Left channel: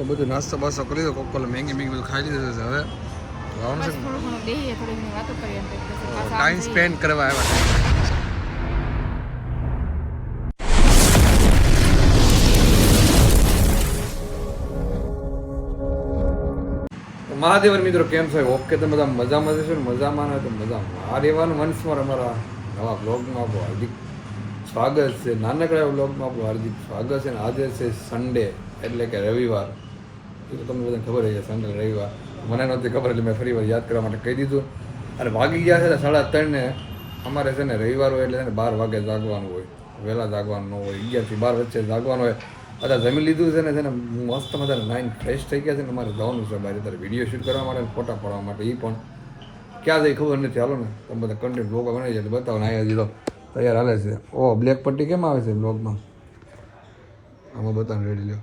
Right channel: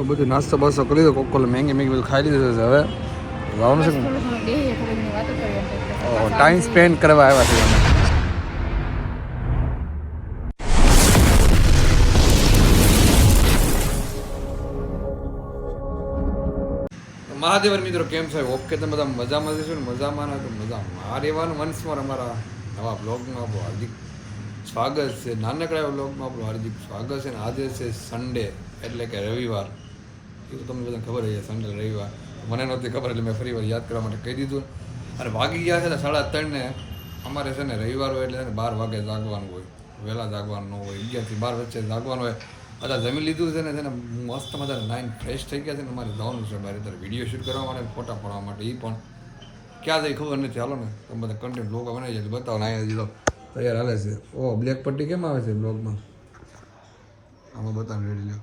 એવું બધું નાસ્તો બાસ્તો કરી દો કોક મેંગી બધું ખાઈ લીધું છે હવે લાવવાનું છે ટાઈમ સ્પેન્ડ કરવા આવ્યા છે મહાદેવર મિત્રો કેમ છે ઓકે તમે બધા મજામાં જશો ને મજામાં હોય તો મજામાં આ રહેવાનું વંશમાં અમારા નવા બ્લોગમાં આપણું હાર્દિક સ્વાગત છે નાનકડા એવા બ્લોગમાં આપણું હાર્દિક સ્વાગત છે ને આજે છે સન્ડે એટલે કે રવિવાર એ તો તમને બધાને ખબર છે સન્ડે રવિવાર મને નહોતી ખબર એટલે મેં ફરી વાર યાદ કરવા માટે કહી દીધું અને વાગી ગયા છે ને 3:30 ને અમારે છે ને રવિવાર હોય એટલે છે ને 12 વાગે જાગવાનું હોય વહેલા જાગવાનું ન હોય 11 થી 12 વચ્ચે જાગવાનું હોય અત્યારે જમી લીધું છે ને મસ્ત મજાને નાઈન ફ્રેશ થઈ ગયા છે ને અમારે જવાનું છે બહાર અત્યારે વિડીયો શૂટ કરવા માટે ફોટા પાડવા માટે એ પણ ક્યાં જાય ખબર નથી ચાલો ને તમે બધા કન્ટેન્ટ બ્લોગ બનાવી જાય બતાવો ને અહીંયા દીધો તૈયાર હાલે છે ઓ બ્લેક પટ્ટી કેમ આવે છે બ્લોગમાં આમાં બતાવો રેડી લ્યો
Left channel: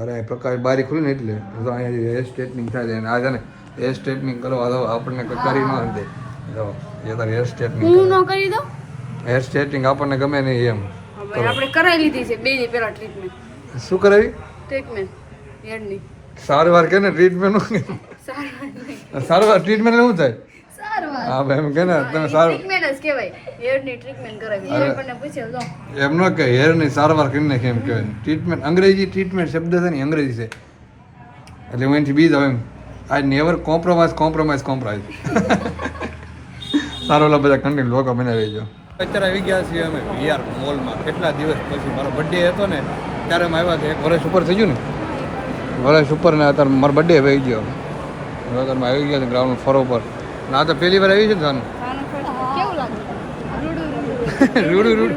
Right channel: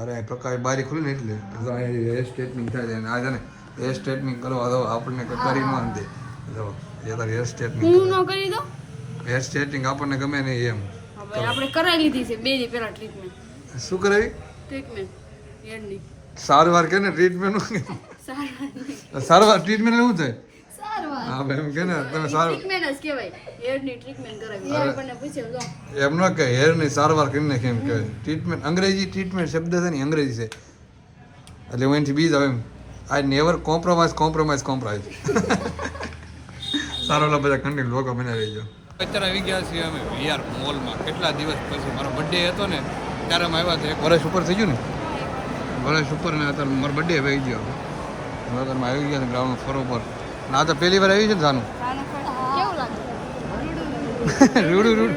અરે પ્રકાશ બારી ખુલી ને એટલે અહીંયા હેર સ્ટ્રેટનિંગ થાય છે આ છે ને હેર સ્ટ્રેટનિંગ કરવા દો આપણને કરી ન અંતે જો એ તારે હેર સ્ટ્રેટનિંગ હું ન કરી દો હેર સ્ટ્રેટનિંગ આપણને ગમે નહીં એમ આપણે કરાવી લીધી છે 2 દી પહેલા ટ્રીટમેન્ટ શું કરાવી ટ્રીટમેન્ટ હેરની સારવાર કે ને ટ્રીટમેન્ટ સારવાર ટ્રીટમેન્ટ શું થાય સારવાર હા એમ કે ને તમે સારું ટ્રીટમેન્ટ જ કહેવાય હેરની ટ્રીટમેન્ટ કરાવી હેર પરને પૂછ્યો તો એમ ન કે હેરની સારવાર કરીને કેમ કહેવાય ટ્રીટમેન્ટ અંગ્રેજી ટ્રીટમેન્ટ શબ્દ છે ને અંગ્રેજી છે એટલે હું એનાથી બીજ આવે એમ આઈ નેવર કોમ્પ્રોમાઇઝ સારો બધા કન્ટેન્ટ લોકો બનાવી રહેજો અત્યારે આવી ગયા છીએ અમે વીઆર મોલમાં કેટલા દિવસ પછી મારો બર્થડે હતો ને ત્યારે અમે આવ્યા કે 1 વર્ષ ઉપર થઈ ગયું ને વર્ષ ઉપર ને અત્યારે મારો બર્થડે આવી ગયો હવે અત્યારે આવી ગયા છે ગ્રાઉન્ડ ફરો પર આ તો પહેલી વાર આવી છે ને જાનું કેવું લાગે રૂડું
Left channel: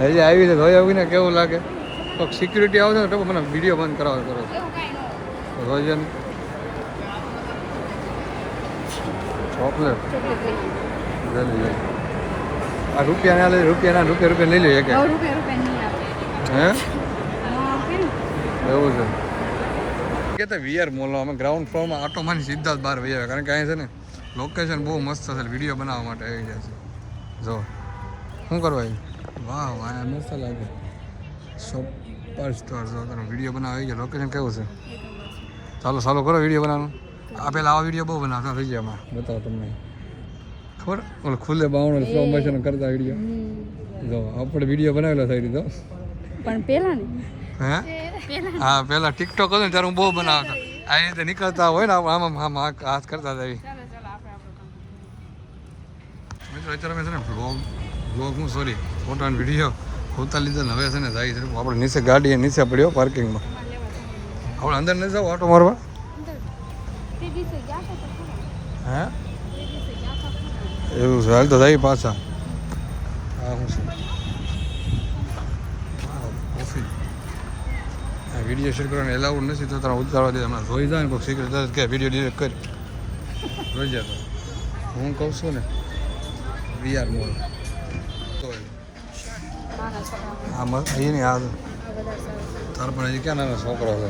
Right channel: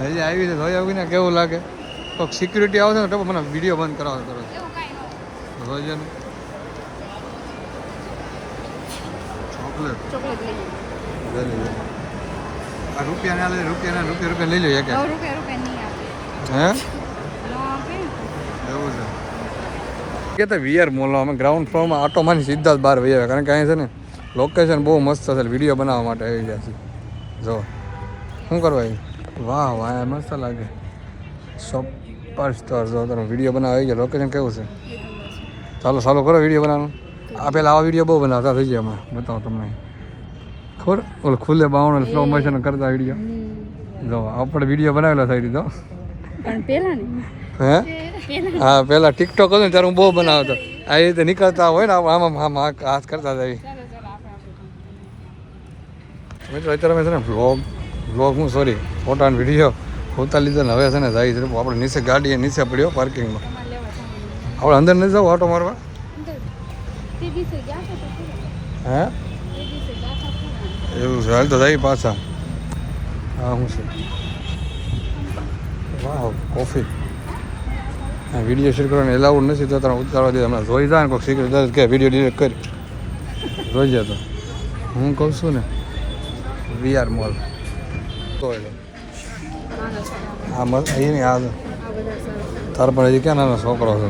હજી આવી છે રોઈ આવીને કેવું લાગે કોઈક સિક્યુરિટી આવશે ને તો મને વિડીયો બંધ કરાવો કરો રોજ ચોકલેટ લઈ આ રૂપિયા રૂપિયા લઈ લો એક હે એવું છે કે તો વીઆર મોલમાં અમે ગ્રાઉન્ડ ફ્લોરમાં આટો મારી સીધા જ બહાર વહી આવ્યા કારણ કે અહીં છે ને લોકેશન બહુ મસ્ત છે વિડીયો બનાવવા માટે આવી ગયા છે જો શું કરવા વાહ વાહ મસ્ત લાગે સુપર સ્ટાર જો તમે વિડીયો બનાવવા આવી ગયા લોકેશન કેવું છે ચાલો કરો વિડીયો બનાવવાનું આ પહેલાં આવા વિડીયો બહુ બનાવતા થઈ ગયા એમાં બતાવું તમને ખબર ઓલો ખુલ્લે બાવણ સ્લો મોશન કરતા વિડીયો જો આપણે વિડીયો બનાવેલો થઈ દીધો પણ પેલા ને હે હા પહેલાં ટિકટોક હતો ને ત્યારે હું બહુ બનાવતો આ રીતે નીકળતા હોય ને આમ હાથ કરતા જાય મિત્રો અત્યારે અમે છે ને વ્લોગ હું સોરી ફોટા અને વિડીયો હોતા લીધો ને હવે છે ને જાય છે આપણે નીચે ગાડી નીચે પડ્યો પાર્કિંગમાં આપણે અંદર નથી જાવ ઓટો મારવા હે એવું છે હાલ તો જાય પાછા હા હું છે વાહ કોફી વિડીયો શૂટ કરવાનું એલાઉડ નથી તો તારા ઉતારવા દે હમણાં જોઈ જાય ને કોઈ સિક્રેટ કે વિડીયો ડિલીટ કરી જોઈ જાય તો હું કહું છું ને વીઆર મોલ હા મસ્ત અહીં નહીં આ તાર પણ હજી ક્યાં નાનો છોકરો છે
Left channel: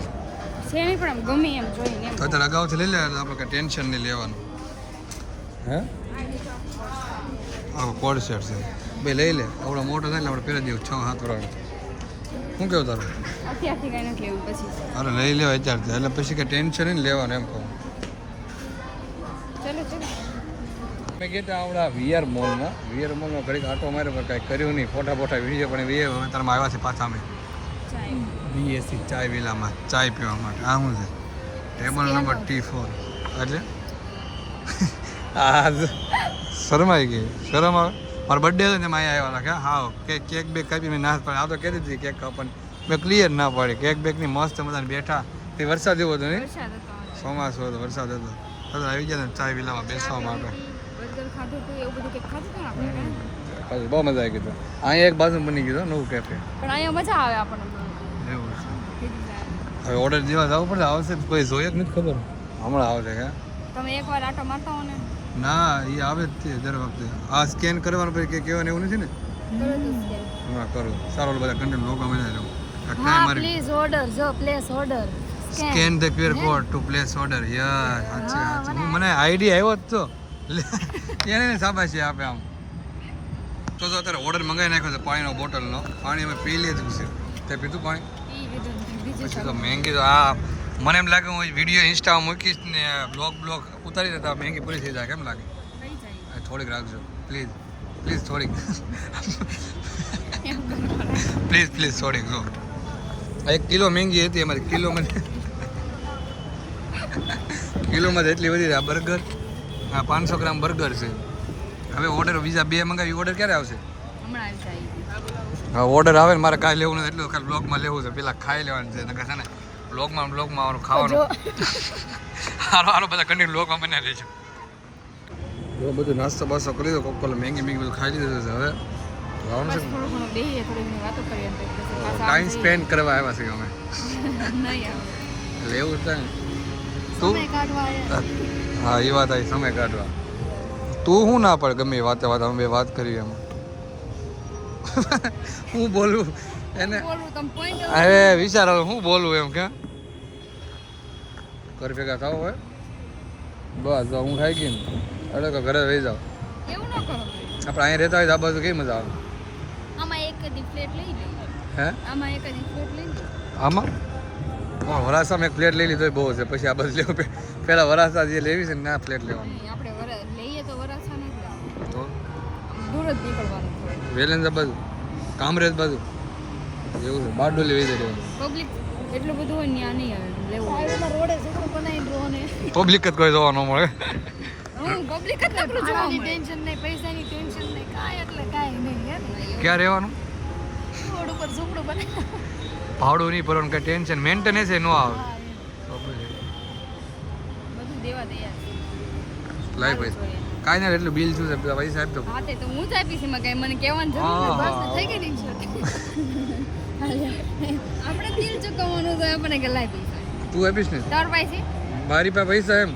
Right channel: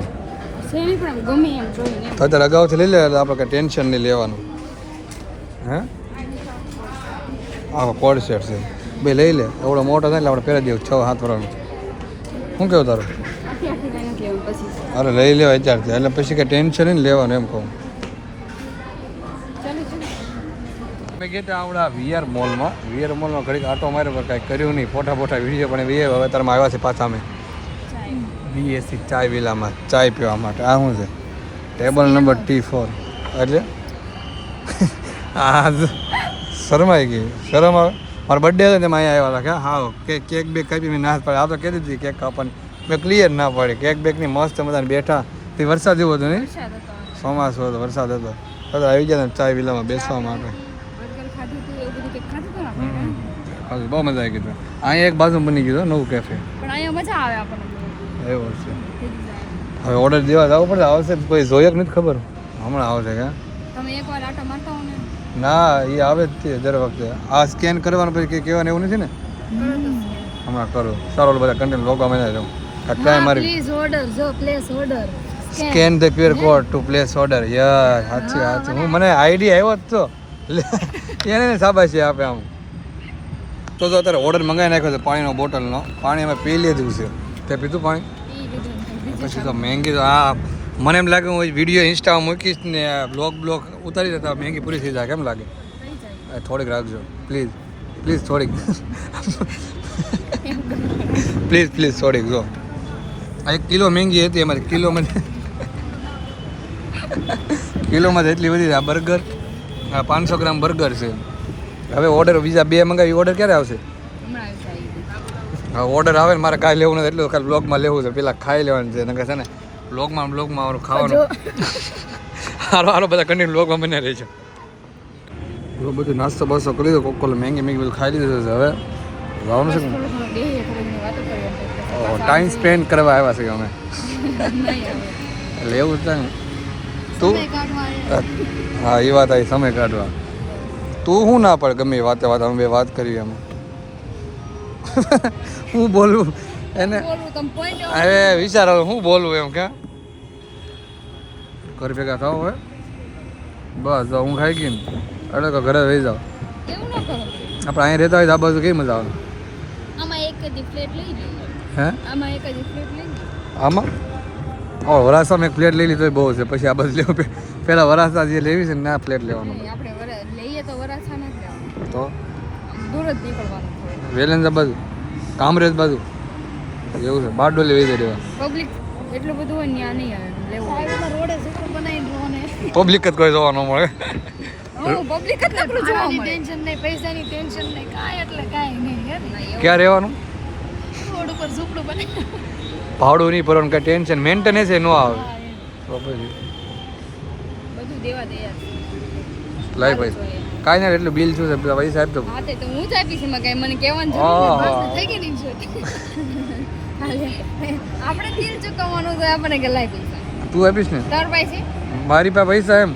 અત્યારે અગાઉથી લઈ લે એટલે આપણે કંઈ ટેન્શન નહીં લેવાનું હે હા કોડ સેટ છે બે લઈ લે એવડો મોટો થાય એટલે આપણે પહેલા દેવું 6-7 વર્ષનું શું કેવું તારું અરે લઈ લેવા અત્યારથી એટલે પછી કંઈ ટેન્શન નહીં લેવાનું એમ કહું આપણા વીઆર મોલમાં ઘડીક આટો માર્યો પણ કાંઈ કર્યું નહીં ફોટા વિડીયો પણ હવે તારમાં આવ્યા છે પાછા અમે બીએસસી ચાય વિલામાં ચાય પીવા માટે આ શું છે ટેબલ નંબર T4 એટલે આ શરમાઈ ગઈ શરમ આવે મારો બર્થડે હતો તેમાં અહીંયા આવ્યા હતા હા કેક બેક કાપી મેં ના પાડી આ તો કીધી હતી કેક કાપવાની મેં ક્લિયર ના પાડી કેક બેકની મસ્ત મજાને બેઠા તે વરસાદ જેવો હતો ને ચોમાસું હતો વરસાદ હતો તો આવી ગયા ચાય વિલામાં બેસવા માટે બહુ મજા આવી ગઈ અહીંયા એક બાજુ બની ગયું નવું કેફે પણ અહીંયા મજા આવે આપણને એવું છે હવે ઓર્ડર દેવા જવું પડે આવશે કોઈ જોઈએ નથી ખબર હમણાં આવશે કે તમે એકવાર આટો મારતા હો ને ના એ આવે જ છે દર વખતે આ સ્કેન કરવાનું પછી કહેવાનું એવું નથી ને હમણાં કરો સારો બધા કન્ટેન્ટ લોકો અમે જાઉં આટલા મારી પ્લીઝ ઓર્ડર જો place order scan the QR code two place order યાર સાચી હું મને આઈડિયા આવ્યો જ તો એને શાબાશી આપે આમ તો અત્યારે ઓર્ડર મંગાવી નાખ્યો છે પાણીનો બોટલનો પાણી અમે પી લીધું છે તે પીધું પાણી ઈ લીધું ને બીજું પછી તો મહેંગી તો આ મને એમ લાગે હું વિડીયો ઇન્સ્ટામાં મૂકીશ ને બ્લોગ ઉતારી દેતા મહેંગી પૂરી થઈ જાય કેમ લાગે થઈ જાય થોડીક રાખજો પ્લીઝ થોડીક એમ કરવાનું. પ્લીઝ થોડીક જો 1 કિલો મહેંગી હતી અમારી કિલોમાં એટલી બધી આ બર્ગર આ 500 ગ્રામ બર્ગર છે હવે ઓર્ડર બીજા 2 મંગાવી ઓર્ડર ક્યારે આવશે હમણાં આવી જાય હા ઓર્ડર આવે ને મારે કાંઈ લેવું નથી એટલું કાલે બ્લોગમાં લેવું છે પેલા ખાઈ લેવાનું છે નકર છે ને બ્લોગમાં મારું ખાવાનું હારો બધા કન્ટિન્યુ બ્લોગમાં બને રહે છે એવું બધું નાસ્તો બાસ્તો કરી લીધો કોક મહેંગી બધું ખાઈ લીધું છે હવે લાવવાનું છે થોડું ઘણું બેહીએ થોડી વાતો કરીએ એમ કંઈક પછી પાછા ટાઈમ સ્પેન્ડ કરવા આવ્યા છે અમે નહીં આવે. એટલે એવું છે ને તું સમય કાઢવા આવ્યા. હા એ વાત આવી સમય કાઢવા તું શું ના પડે ગમે એ વાતે અમે બે વાત કરી એમાં હું બોલું એને બોલવું તમે point હવે વિચારો હું બોલું એમ કે ઘર ભેગા થાવ હવે બસ તો હું ખાઈ ગઈ ને એટલે તો ઘરે રહી જાઓ એવું ન કરો. આપણે અહીં રહેતા હોય તો આ બાજુ કેવી મજા આવે આમાં એક જ પ્લેટ લઈ લઈએ. હે આમાં એક જ પ્લેટ લઈ લઈએ. આમાં વરાસામાં એક પ્લેટ લઈ લીધી બહુ છે પછી આ બાજુ લેવું પહેલાં વરાસા જે લેવી છે ને આ પ્લેટ લેવાનું નહીં, આપણે લઈએ તો વરાછા નથી લેવાનું. તો આમ દૂર જ નીકળવાનું થોડું. વેલેન્સા બાજુ કામરેજ બાજુ એવું છે બારડોલી વેચે રહેવાનું પબ્લિક એટલું બધું હોય ને ત્યાં નહીં આવે લેવું હોય. રોડે સીધું બનાવી ડ્રો ને પબ્લિક જ કોઈ જોવા ન મળે હું પબ્લિક જ નકરું જોવા મળે. ટેન્શન નહીં, પૈસાની ટેન્શન નહીં, કાંઈ એટલે કાંઈ નહીં. હે ને? ક્યાં રહેવાનું રોડ ઉપર ઝૂંપડું બને. ભાડું નહીં ભરવાનું કાંઈ ટેન્શન મેન્ટેનન્સ એ ન આવે હા, એમ. તો પછી બધું દેવા તૈયાર. લાઈ ભાઈ કાંઈ ના એટલું બિલ શું છે પેલા પૈસા આપી દો હા તે તો હું જ આપીશ એમાં કાંઈ મને કહેવાનું જરૂર હા. નથી. બસ થઈ ગઈ નહીં છે. આપણે તીર ચૂકવવાનું છે આપણે કે લાય પૈસા. તું આપીશ ને તાર પાસે મારી પાસે પૈસા એમ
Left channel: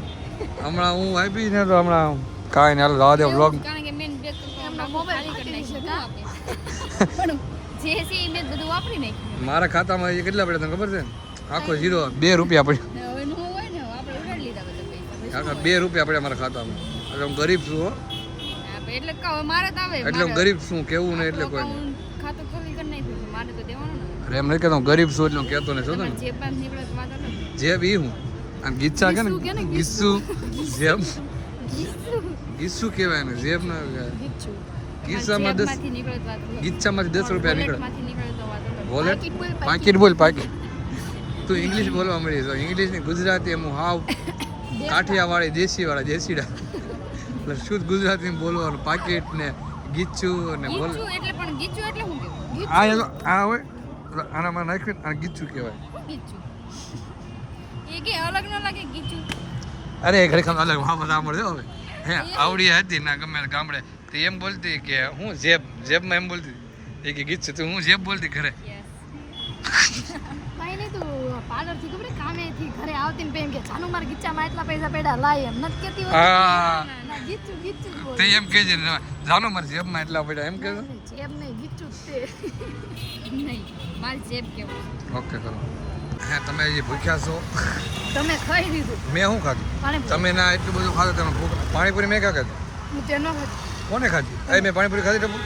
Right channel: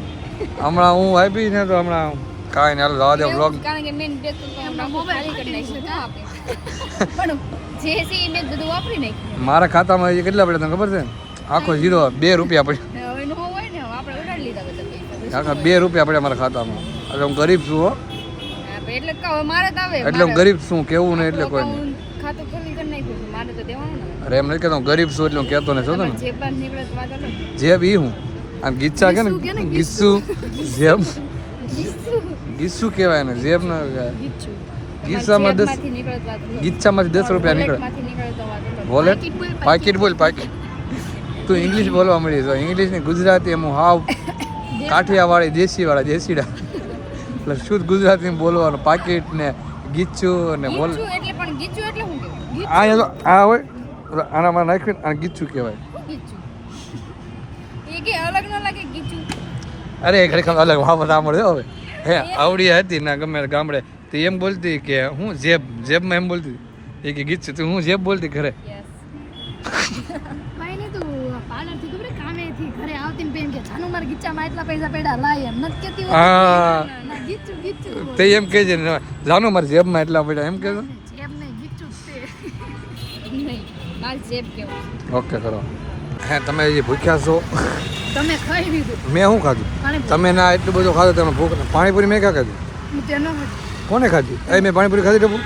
હમણાં હું આપીશ ને તો હમણાં કાંઈ ના જવા દે બ્લોગ કારણ કે મેં બે તો ડાબો ખાલી કરી નાખ્યું ક્યાં આપે. પણ જે છે એ મેં બધું વાપરી નાખ્યું. મારા ખાતામાં એ કેટલા પડ્યા તને ખબર છે આખો 2 રૂપિયા પડ્યા ને હવે નો હોય ને આપણે ઉડાડી લીધા બધા પૈસા. આખા 2 રૂપિયા પડ્યા મારા ખાતામાં એટલે હું ગરીબ છું હો હા, એટલે કહો મારે તો આવે એટલે હું ગરીબ છું કેવું નહીં એટલે કોઈ નહીં. ખાતું ખાલી કરી નાખ્યું છે. મારે તો દેવાનું ને અરે એમ નહીં કહેતો હું ગરીબ છું એટલે હું કહેતો નહીં છો ને તમારે જે બાર નીકળે તો વાત અલગ. જે બી હું આમ ગીચ્છા કે ગીસ્સુ કે ને ને, ગીસ્સુ જેમ ગીચું. ગીસ્સુ કહેવાય ને જેબ ના ગીચું. ગીચ્છામાં તમારે જેબમાંથી નીકળે તો વાત અલગ. ગીચ્છામાંથી 10 રૂપિયા નીકળે વોલેટમાંથી નીકળે તો વાત અલગ. વોલેટ પાકીટ બોલ, પાકીટ તું ઇંગ્લિશ બોલવા મળી તો ઇંગ્લિશ ને ગુજરાતી એમ હાવ કાઠિયાવાડી દેશીડા એટલે શુદ્ધ ગુજરાતી બોલવાનું પાકીટ ને ગીચ્છું ને બોલ ગીચું એટલે પણ ગીચું એટલે શું કહેવાય? ગીચું. આ હોય આનામાં નાખ્યું અને ગીચ્છું કહેવાય શું ગીચું? એ કે અલગ ન લાગે ગીચું? અરે ખરેખર અલગ વાપસ સાંભળે હવે હે આવડી હતી ના ગમે તે ગામડે તો એમ બોલતી કે હું જેબમાં એમ બોલતી એ કે ગીચ્છું તું હું જેબ બોલતી ઘરે યસ. કઈ નહીં તું પાર્લરથી ખબર કામેથી ઘરે આવતી ને એમ કે જાનુ મારા ગીચામાં એટલા પૈસા પડ્યા લાય એમ નથી કહેતી હોતી. હા. ના, ના, ગીચું ગીચું બોલ. તે એમ કહે છે ને જાનો મારી જેબમાં એટલા પડ્યા એમ કહેતો જેબ નહીં ગીચું જ છે. નહીં મારી જેબ કેવું. ઓકે કરો હે તમે હજી ભૂખ્યા છો તમે ખાઈ લીધું. મેં શું ખાધું પાણીપુરી. તમે ના એટલું બધું ખાધું તમે ભૂખ પાણીપુરી મેં ક્યાં ખાધી હું તેનો ખાધી. કોને ખાધી અહીં મેં પાણીપુરી ખાધી ડબ્બુ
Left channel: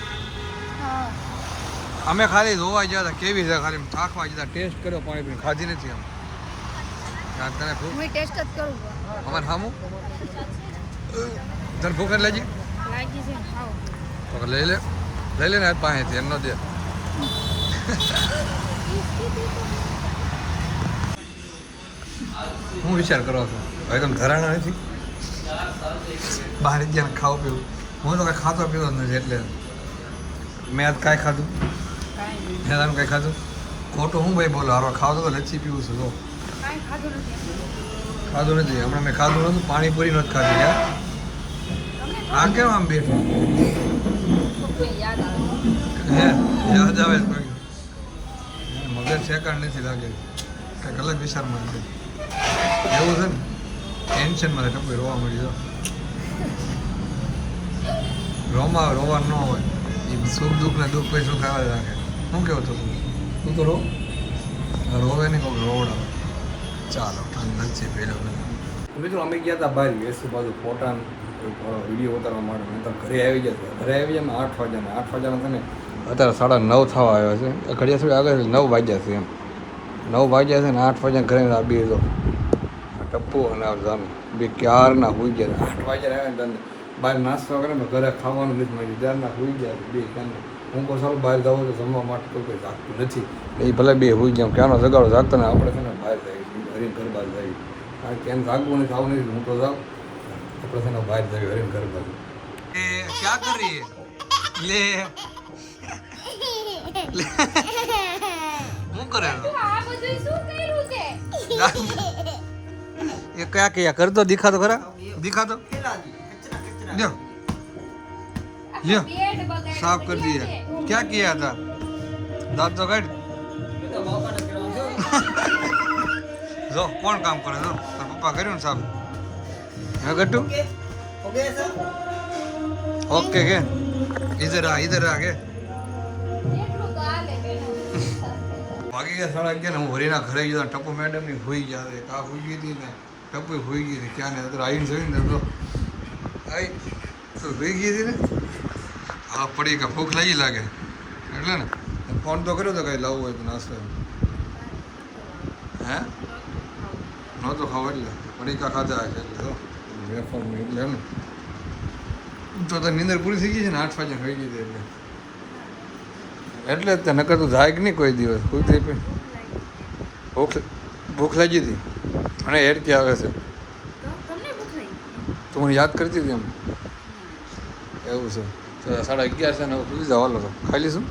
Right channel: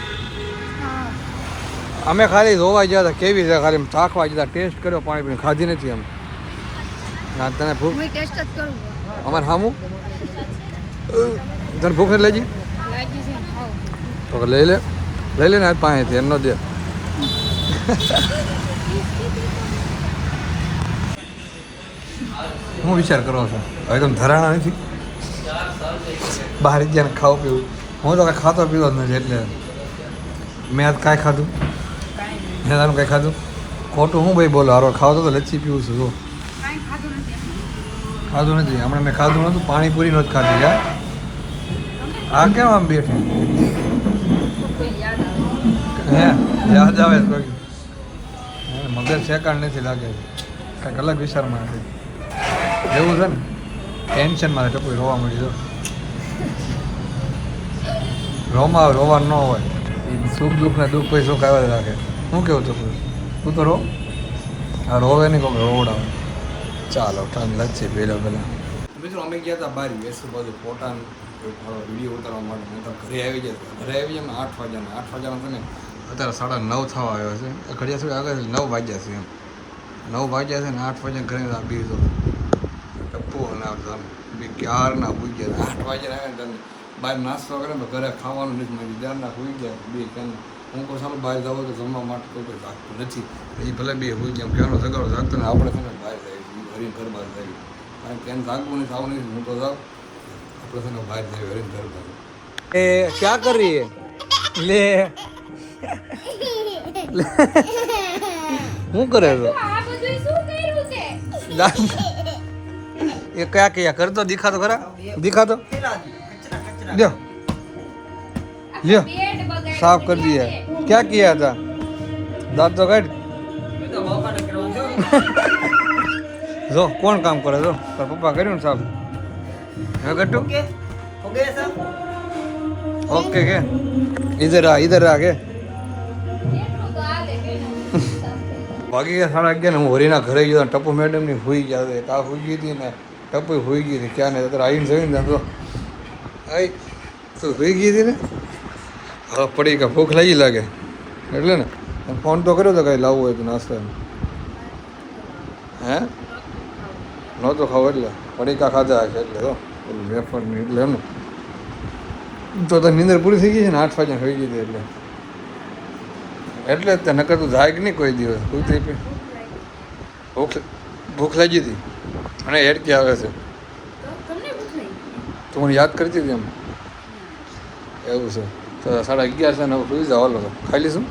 અમે ખાલી જોવા ગયા હતા કેવી છે ખાલી ચાખવા ગયા ટેસ્ટ કર્યો પાણીપુરી ખાધી નથી અમે ના તને ભૂખ હું ટેસ્ટ જ કરું. અમારે સામું તને ભૂખ નથી લાગી લાગી છે ને ખાઓ. તો કે લઈ લે ને આજ પાસેથી એમ ન દે હું વિચાર કરો છો ભાઈ તમે ધરાણા નથી બહાર ગયા ને ખાવું પીવું હું તો કાંઈ ખાતો પીવો જ નથી એટલે મેં આજ કાંઈ ખાધું મેં તારું કાંઈ ખાધું ખોટું હું ભાઈ બોલો હારો ખાવ તો લચ્છી પીવું છું તો કાંઈ ખાધું નથી. ખાધું નથી હમણાં મેં ખાધું નહોતું પાણીપુરી નથી ખાધી યાર આ કેમ આમ બેઠી કોઈ યાદ આવે. હે યાદ આવે છે કોઈ મગજ સેકાણ નથી લાગે કાંઈક અલગ વિચારમાં નથી એવું છે ને ટેન્શનમાં ટપુઈ રોવા મળી જો રોવા ન હોય એ સુખ દુઃખ ને દુઃખ પછી સુખ આવે રાખે શું કેવું ટપુઈ તું તો રો આ રોવે નહીં કહું રોવડાવે ચાલો ઠંડ નથી પહેલો પહેલાં મિત્રો અમે ગયા હતા બારી વેસુ બાજુ ફોટા વિડીયો ઉતારવા માટે મેં તો ઘરે આવી ગયા ઘરે આવી જાય 8 વાગ્યાના છે ને અત્યારે 9:30 થવા આવ્યો છે ઘડિયા થોડી આગળ 9 વાગ્યા છે એમ 9 વાગ્યા છે ને 8 વાગ્યા ઘરે આ બે તો ટપ્પુ અને આ જાનું બે ક્યારના હોઈ ગયા 8 વાગ્યા આવ્યા ને તને બહાર નાસ્તો કરે ને ઘરે ખાવાનું નથી મારી ત્યારના હોઈ ગયા બે ક્યારના હું કહું સારું બહાર જાવ તો જમવા માટે કોઈ જાગતું નથી એ ભલે બે હોઈ ગયા ક્યાંનો જગાડો જાગતા ને આપણે છે ને બહાર જાય હરીને ઘર બહાર જાય કારણ કે એને જાગવું નથી આવું નથી હું તો જાઉં આપણે છે ને બહાર જાય હરીને ઘર બહાર એ ક્યાં કરી લે શું કરે છો ये क्या किया कर दो दिखा दो खरा दिखा दो लो लो साफ कर दिया क्या किया था दांत तो काट जो कौन काम करे जो तार पप्पा કર્યું ને સાફ હે ગટ્ટુ ओके के इधर आ के ભાગી ગયા 11:30 ને હું હોરીના ઘરે ગયો ટપ્પુ મેડમ ની હોઈ ગયા કા હોઈ ગઈ હતી ને ટપ્પુ હોઈ ગઈ હતી ક્યાં ને અત્યારે આવીને જોઈને તો આઈ તો હોઈ ગઈ હતી ને હવે પડી કે ભૂખ લાગી લાગે એટલે ને ફોન તો કર્યો તો કઈ લાવવું હોય તો નાસ્તો હે નહોતો ખાવ એટલે પડીકા ખાધા એટલે તો વેફર એટલે એમ ને તો નીંદર પૂરી થઈ ગઈ છે ને 8 વાગ્યા ખાઈ ગઈ હતી એટલે જ નકર તો જાય કે નહીં કોઈ દિવસ કોઈ ભૂખ લાગી હતી અને હેડકી આવે છે તો મને યાદ કરતી હતી એમ એવું છે તો 11:30 છે ને સુઈ જાવ હાલો ખાઈ લઈશું